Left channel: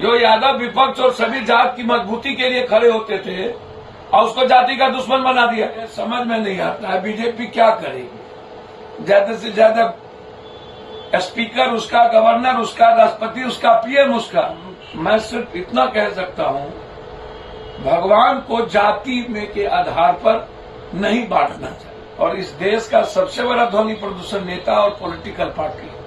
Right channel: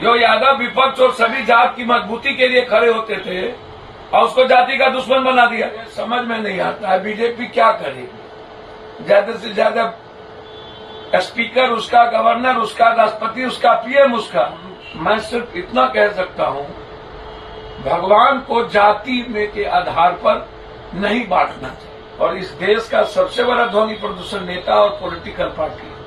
जो यादव विपक्ष और सभी जात की मजबूती के लिए खड़े होते थे और उसको जाति का दुश्मन बना दिया। समझ में नहीं आता है बीजेपी क्या करेगी। ज्यादा से ज्यादा स्पीकर उसका, गवर्नर उसका, राष्ट्रपति उसका, पीएम उसका। मैं सिर्फ इतना कह सकता हूं, भगवान को जाति में के आधार पर नहीं बांटना चाहिए। और इस देश का सबसे बड़ा ध्वनि प्रदूषण नेता और पॉलिटिकल पार्टी है।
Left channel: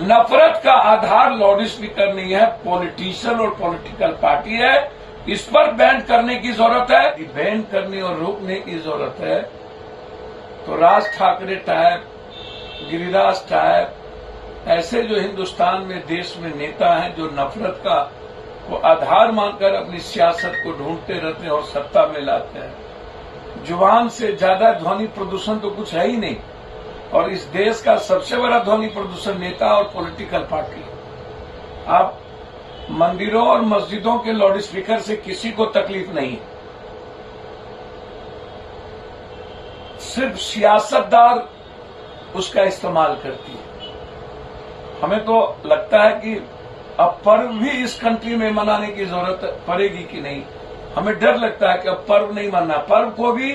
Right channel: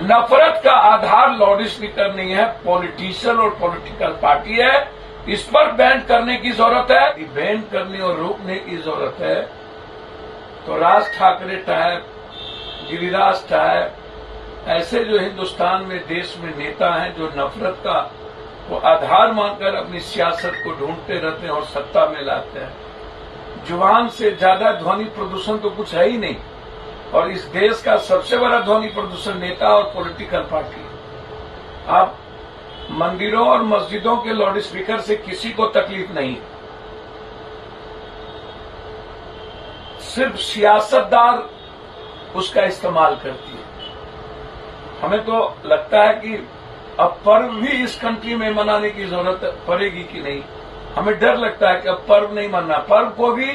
नफरत का आधार लाउड स्पीकर नहीं है, पॉलिटिशियन और पॉलिटिकल पार्टी है। इस पर बैन करने की जरूरत है। बैन करने और रोकने की जरूरत है तो राज ठाकरे टाइप, गिरिराज टाइप, ऐसे जो हिंदुस्तान में देश में नेता हैं जो नफरत का वो आधार मानकर अपनी सियासत को ढूंढते रहते हैं और सत्ता में लाते हैं। जुबान से ज्यादा ध्वनि प्रदूषण तो कुछ है ही नहीं। और इस देश का सबसे बड़ा ध्वनि प्रदूषण नेता और पॉलिटिकल पार्टी है। आप मंदिरों और मस्जिदों के लाउड स्पीकर से किसी को तकलीफ नहीं, सिर्फ सियासतदार उसका इस्तेमाल करती है। हमें तो लगता है कि अब पर्व भी इस कंट्री में मनाने की जरूरत पड़ेगी कि नहीं। हमें डर लगता है कि अब पर्व नहीं मानना। पर्व को भी,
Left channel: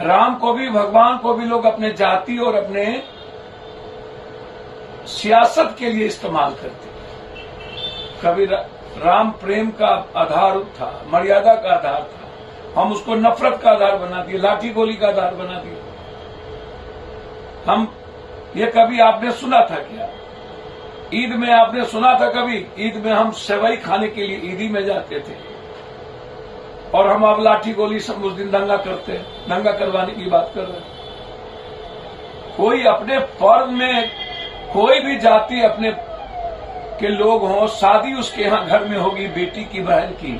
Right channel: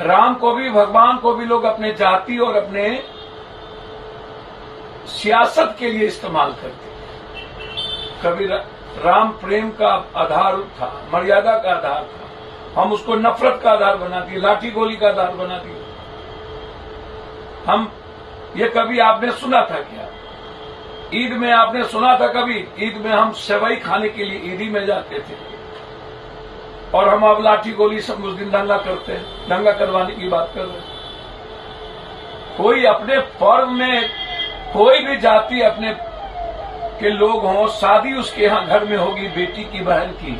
राम को भी, भगवान को भी लोग अपने जाति और अपने सियासत के लिए इस्तेमाल करते हैं। कभी राम प्रेम का आधार था, मर्यादा का आधार था, हम उसको नफरत का आधार बना दिए, लाठी गोली का आधार बना दिए। हम ये कभी आपने सुना था क्या? ईद में आपने सुना था कभी? ईद में हम सेवई खाने के लिए ईदी में जाते थे और हम अब लाठी गोली सब उस दिन दंगा करते हैं। दंगा करवाने की बात कर रहे हैं। कोई अपने पर्व में कोई भी जाति अपने के लोग हों, शादी उसके यहां घर में होगी बेटी की, बहन की,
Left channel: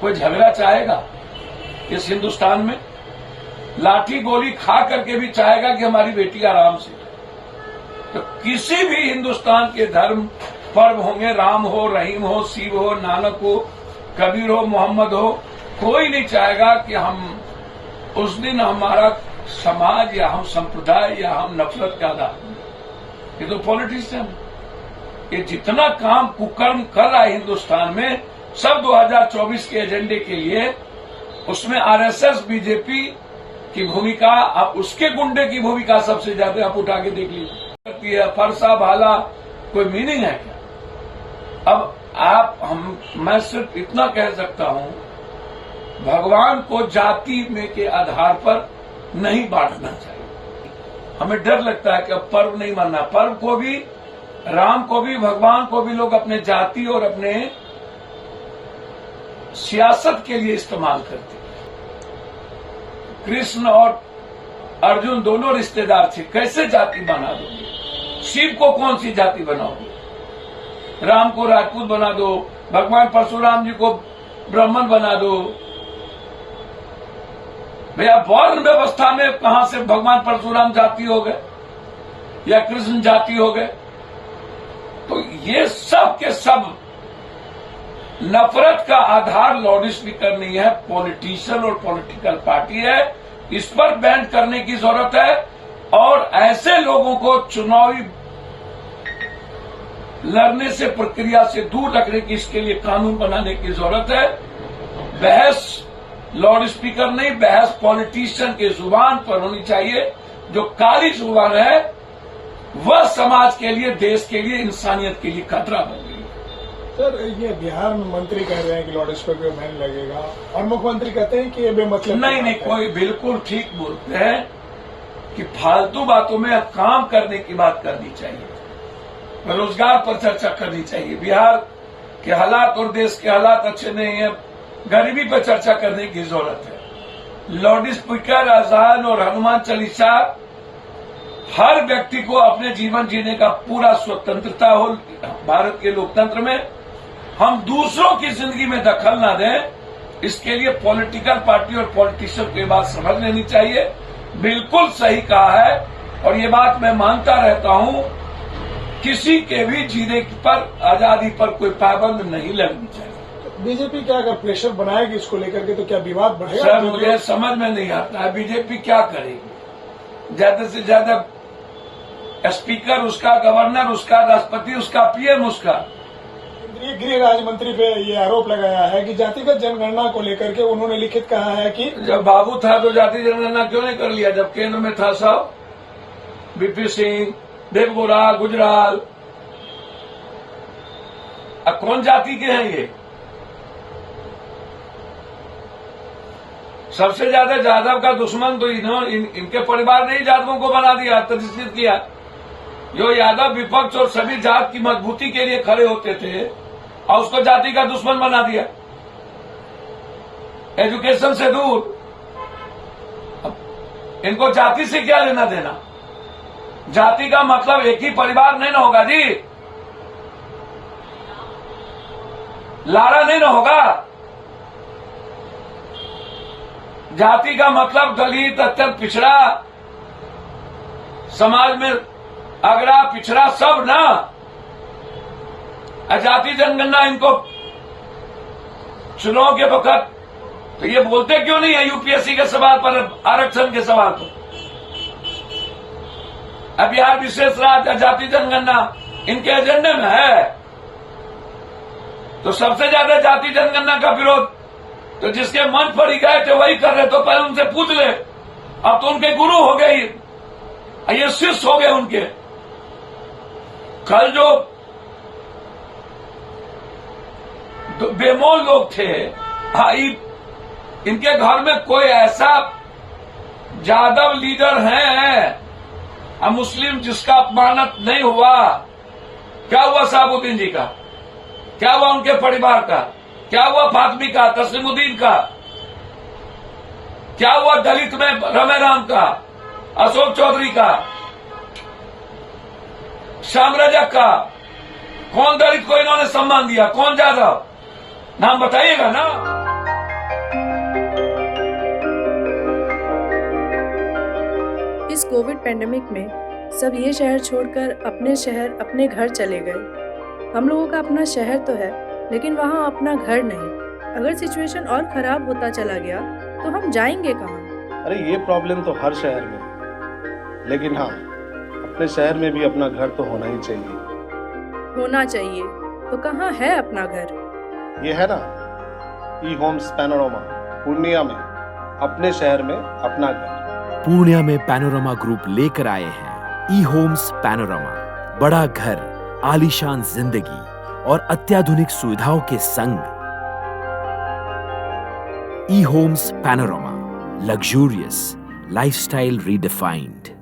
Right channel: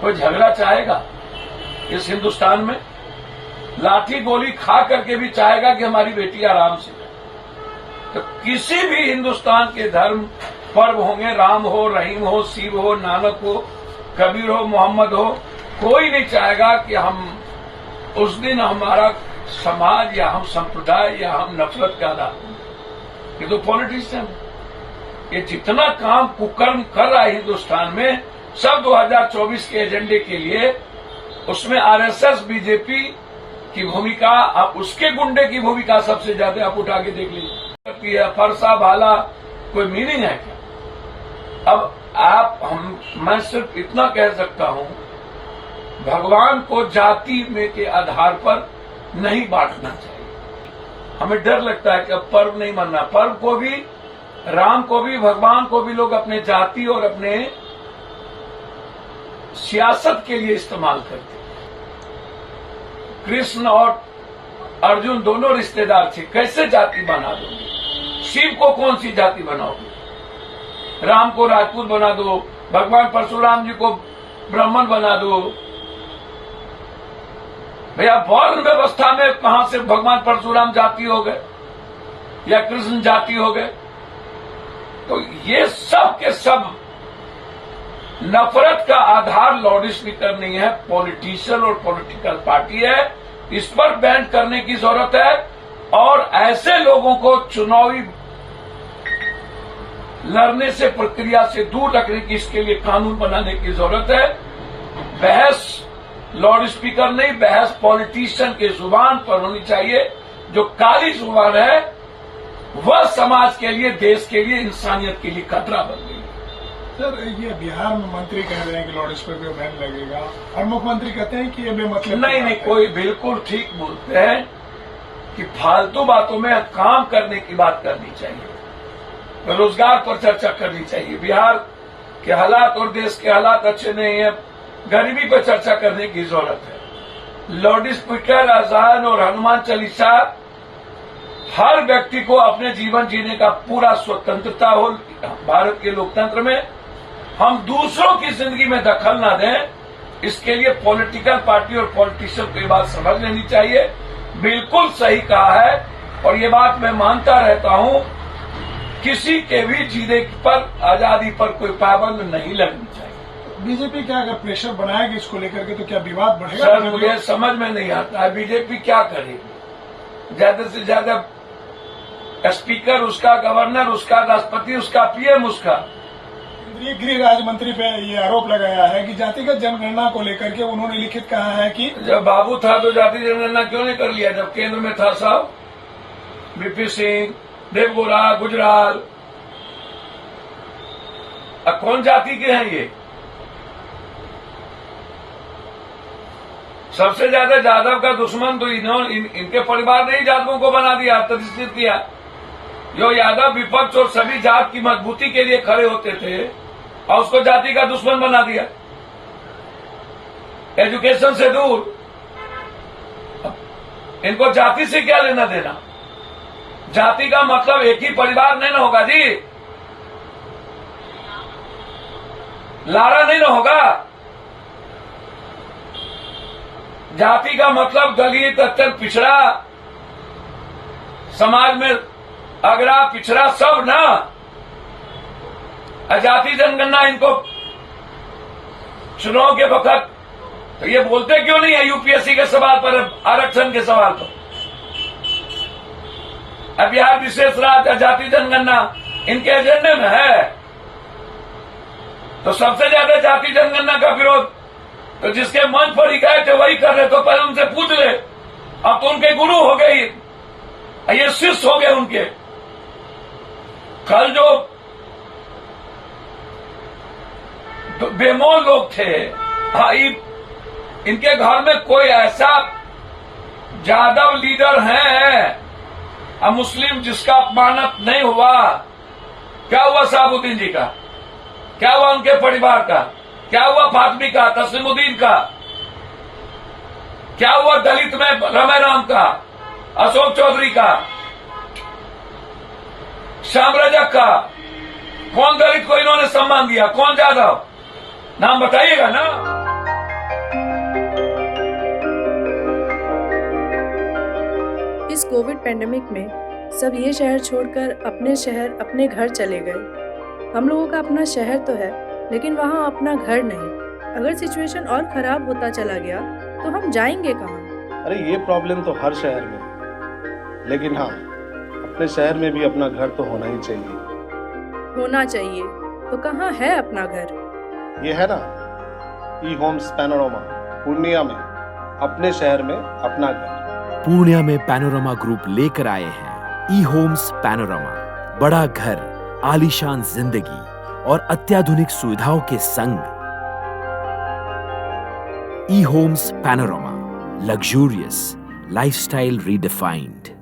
कोई झगड़ा चाहेगा इस हिंदुस्तान में? लाठी गोली खा करके भी चाहेगा कि हमारी बेटी आराम से। तो किसी भी हिंदुस्तान के धर्म पर्व होंगे, राम हो, रहीम हो, शिव हो, नानक हो, कबीर हो, मोहम्मद हो, कोई नहीं चाहेगा कि हम उस दिन हमारा समाज या हम संप्रदाय या हम नफरत का आधार। ये तो पॉलिटिशियन, ये जितना काम कुकर्म कर रहा है हिंदुस्तान में सब 2024 के एजेंडे के लिए, उसमें आरएसएस, बीजेपी की भूमिका, अब उसके गुंडे की भूमिका सबसे ज्यादा आप उठा के देख लीजिए। फरसा भाला कोई मीनिंग है क्या? अब मैं सिर्फ इतना कह सकता हूं, भगवान को जाति में के आधार पर नहीं बांटना चाहिए। हमें डर लगता है कि अब पर्व नहीं मानना। पर्व को भी, राम को भी, भगवान को भी लोग अपने जाति और अपने सियासत के लिए इस्तेमाल करते हैं। कृष्ण और अर्जुन दोनों रिश्तेदार थे, कैसे जाति बना दोगे? शिव को कौन सी जाति बनाओगे? राम को राजपूत बना दो, भगवान परशुराम जी को ब्राह्मण बना दो। भैया वर्ण व्यवस्था में कहां से भगवान परशुराम जाति हो गए या कृष्ण जाति हो गए? तो ये सब के सब नफरत का आधार लाउड स्पीकर नहीं है, पॉलिटिशियन और पॉलिटिकल पार्टी है। इस पर बैन करने की जरूरत है और ऐसे लोगों को चुनावी लड़ने से, प्रक्रिया से दूर रखने की, इसके लिए कानून बनाने की जरूरत है। बहस लाउड स्पीकर नहीं, बहस पॉलिटिशियन के जुबान पर होनी चाहिए। जो काली जुबान है वह समाज के लिए, देश के लिए, इंसानियत के लिए खतरा बन गई। सर, ये बिहार में मंत्री कह रहे हैं कि लाउड स्पीकर बैन लगेगा और मुख्यमंत्री कहते हैं कि ये बेमतलब। नहीं, कोई बिल्कुल ठीक बोलते हैं कि फालतू बातों में काम करने की बात करनी चाहिए, रोजगार पर चर्चा करनी चाहिए। बिहार के हालात और देश के हालात अच्छे नहीं है, गरीबी पर चर्चा करने की जरूरत है। लाउड स्पीकर, अजान और हनुमान चालीसा, हर व्यक्ति को अपने जीवन जीने का पूरा स्वतंत्रता हो। भारत के लोकतंत्र में हम दूसरों की जिंदगी में दखल ना दें, इसके लिए पॉलिटिकल पार्टी और पॉलिटिशियन को ये बात समझ लेनी चाहिए। बिल्कुल सही कहा है और ये बात मैं मानता रहता हूं, किसी के भी जीने पर, आजादी पर कोई पाबंद नहीं लगनी चाहिए। बीजेपी क्या अगर प्रेशर बनाएगी इसको लेकर के तो क्या विवाद बढ़ेगा? सर, मुझे समझ में नहीं आता है बीजेपी क्या करेगी। ज्यादा से ज्यादा स्पीकर उसका, गवर्नर उसका, राष्ट्रपति उसका, पीएम उसका। केंद्रीय गृह राज्य मंत्री पे ये आरोप लगाया है कि जातिगत जनगणना को लेकर के उन्होंने लिखित कहा है कि जब बाबू था तो जाति जनगणना क्यों नहीं कर लिया? जब केंद्र में था सब, बीपी सिंह, देवगौड़ा, गुजराल, अब कौन जाति के हैं ये? सबसे ज्यादा यादव का दुश्मन तो इनके परिवार ने ही यादवों को बना दिया, तस्दीर किया। जो यादव विपक्ष और सभी जात की मजबूती के लिए खड़े होते थे और उसको जाति का दुश्मन बना दिया, एजुकेशन से दूर। इनको जाति से क्या लेना देना? जाति का मतलब एक ही परिवार नहीं ना होगा जी, लारा नहीं ना होगा। जाति का मतलब दलित, अत्यंत पिछड़ा, समाज में अगड़ा पिछड़ा सब ना। जाति जनगणना इनको चुनाव के वक्त तो ये बोलते क्यों नहीं है यूपीएससी के सवाल पर, आरक्षण के सवाल पर? अब बिहार विशेष राज्य जाति जनगणना इनके एजेंडे में है, तो सबसे ज्यादा जाति जनगणना का विरोध तो जिसके मंच पर ही गए थे वही कर रहे। तो पहले उनसे पूछ ले, अब तो उनके गुरु हो गए, ये शिष्य हो गए उनके। कल जो बेमौल लोग थे, इनके घर में कोई ऐसा यादव लीडर है मुस्लिम जिसका अपमानित नहीं हुआ? क्या हुआ साबुद्दीन जी का? क्या हुआ उनके परिवार का? क्या हुआ फातमी का, तस्लीमुद्दीन का? क्या हुआ दलित में रमे राम का, अशोक चौधरी का, श्याम रजक का? कौन दलित को इन्होंने सम्मान दिया? कौन यादव? नाम बताइएगा ना। इस कोविड पेंडेमिक में सब ये शहर छोड़कर अपने शहर, अपने घर चले गए। हम लोगों का अपना शहर तो है, लेकिन वहाँ अपना घर नहीं। अगर सिचुएशन और खराब होता चला गया तो हम जाएंगे कहाँ? अरे ये प्रॉब्लम तो हर शहर में है, लेकिन हाँ, अपने शहर में भी अपना घर तो होना ही चाहिए। होना चाहिए तो कहाँ है अपना घर? ये है ना, ई होम्स पैनोरामा, पूर्णिया में, अपने शहर में अपना घर। पूर्णिया में पैनोरामा ग्रुप लेकर आए हैं ई होम्स पैनोरामा। बड़ा घर, आलीशान जिंदगी और अत्याधुनिक सुविधाओं के संग। E homes panorama, luxurious lifestyle redefined.